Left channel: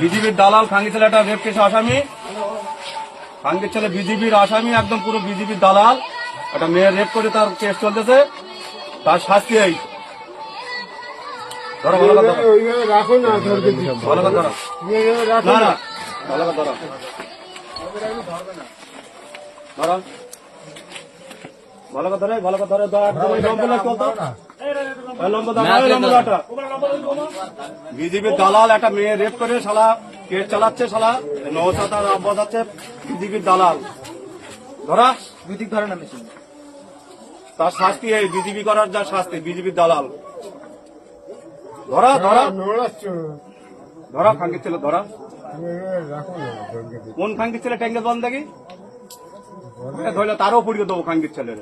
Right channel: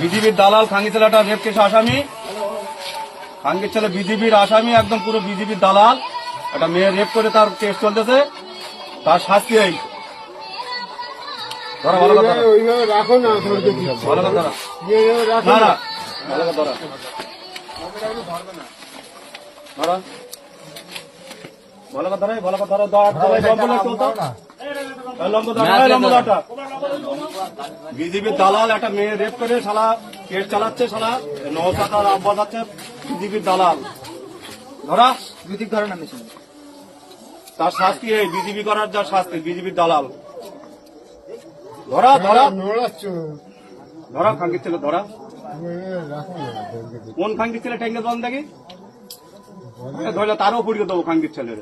বিজেপির দালাল খাঙ্গি ছেলেটা রেপ কেসে আসামি, খাঙ্গির ছেলে বিজেপির আসামি, একদম পুরো বিজেপির দালাল। একটা মেয়ে রেপ করে তার কেস চলতেছে, তার শাস্তি এই। ধরো ভালো কথা ওইভাবে রাখো না, ধরবে ভালো কথা ধরো। রাখো না না। না ভালো কথা ধরো। ধরো ভালো কথা ধরে, ভালো কথা ধরে। বিজেপির দালাল একটা মেয়ে রেপ করে শালা কেস চালাচ্ছে, শালা নৌসাতার আব্বাস আছে বিজেপির দালাল। ধরা বিদিক ধরে না মেশিন, তার শাস্তি এই। বিজেপি করার যা শাস্তি, বিজেপির দালাল। ধরা ধরা নোড়াচ্ছ, ধরা খাঙ্গির ছেলে ধরা। রাখো না, ধরবে কোন খাঙ্গির ছেলে ট্যাঙ্গেল বন্ধ দেখি ধরলে তারও পুড়িয়ে দেবো খাঙ্গির ছেলের।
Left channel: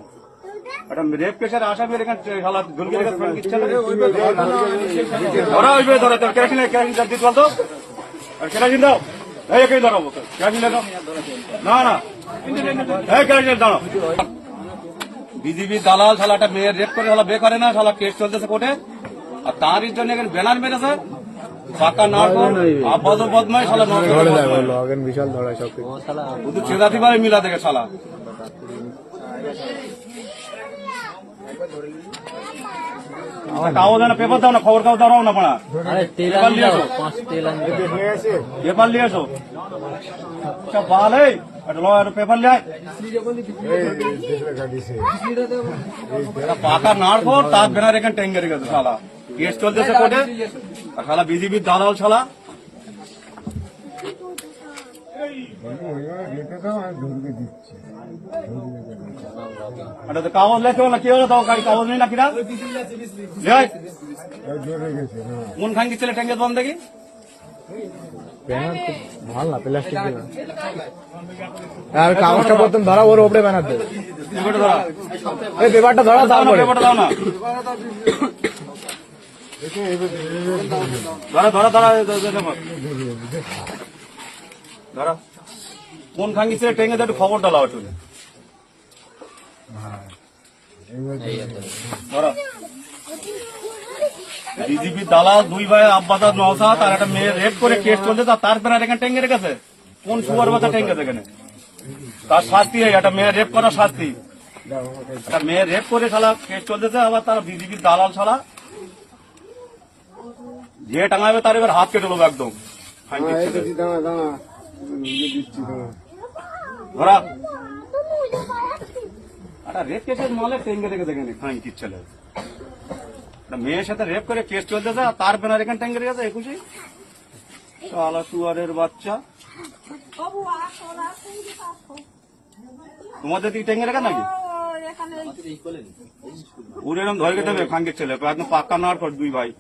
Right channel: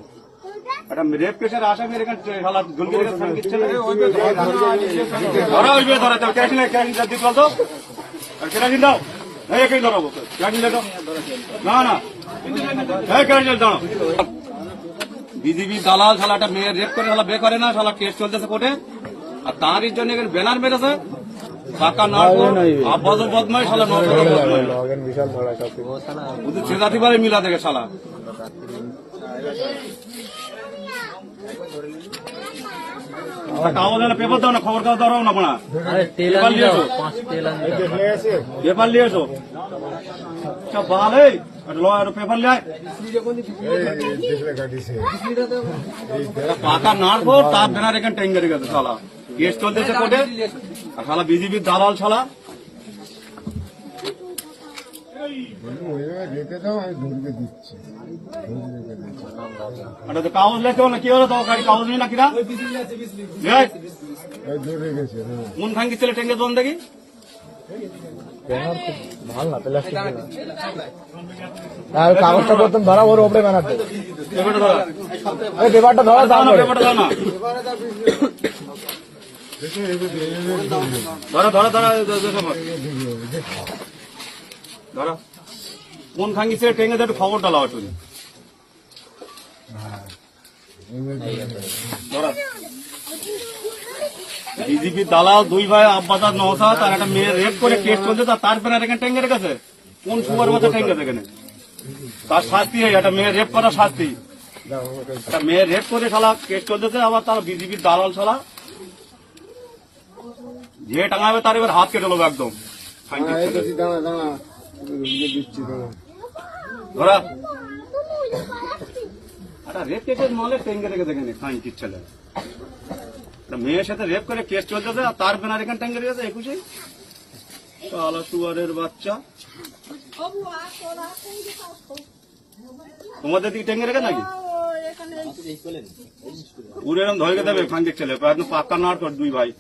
একটা রেপ কেসের আসামি এখানে শালা দুর্গের খাঙ্গির ছেলে ধরা হইবে। ধরে কেরাসিন দিতে বলতো কেরাসিন দাও, এই একেই ধরাবো কেরাসিন দাও। না না এই কেরাসিন দাও। বিজেপির দালাল শালা একটা মেয়ে রেপ করে শালা বে করে না, শালা কেস চলতেছে কোর্টে। আর তাঁরই জন্য এখানে ব্যানার মেরেছে টাকা না আব্বাস বদমাই শালা বিশাল ধরা সব ওদের ছেড়াতে পারে মিলা থেকে শালা। কাগজ না পেপার দাও না, খবর কাগজ দাও না পড়া। পেপার নিয়ে এসো ভালো পেপার নিয়ে পাকা নাড়বো, তার ব্যানার এখানে টেঙ্গারি গেছে শালা। কেস চলতেছে কোর্টে আর শালা বিজেপির দালাল শালা। রেখে দাও, আমি ধরবে দিচ্ছি। কাগজ লেখতে না কি হলো, তো কাগজ নেই না কিনা ধরে গেছে। কোন খাঙ্গি ছেলে টেঙ্গে বন্ধ দেখি। আর কাগজটা প্রথম ধরা, ওর ওপরে বানাতে পেপারটা ধরা, দাও না পেপারটা দাও না। ধরো ধরো ধরো কোন খাঙ্গি ছেলে টেঙ্গে যাতে খবরটা লাও তুমি। ধরো বিজেপি দালাল দুই ভাই আব্বাস আর নওশাদ, তার একটা মেয়ে রেপ করে কেস চলছে, তার ব্যানার এখানে টেঙ্গে রেখেছে। কোন সুয়ার মাথা টেঙ্গে এখানে, তার শাস্তি এই। একটা মেয়ে রেপ করার শাস্তি, একটা মেয়ে রেপ করে শালা কেস চলতেছে, আবার তার বিজেপির দালাল শালা যে টাঙাবে তার এবার হাত কেটে নেবো একদম। ধরা একটা রেপ কেসের মালে টেঙ্গে রেখেছে এখানে খাঙ্গির ছেলে। মেয়ের সাথে রেপ করে কেস চলতেছে আর তার ব্যানার এখানে টেঙ্গে রেখেছে 21। শালা সুয়ারের বাচ্চা, তোমাদের কি টেঙ্গে রেখে নাকি? উড়ে এরকম ধরে দেবে খাঙ্গির ছেলে, একদম পাক্কা নাড় কর দুই ভাই।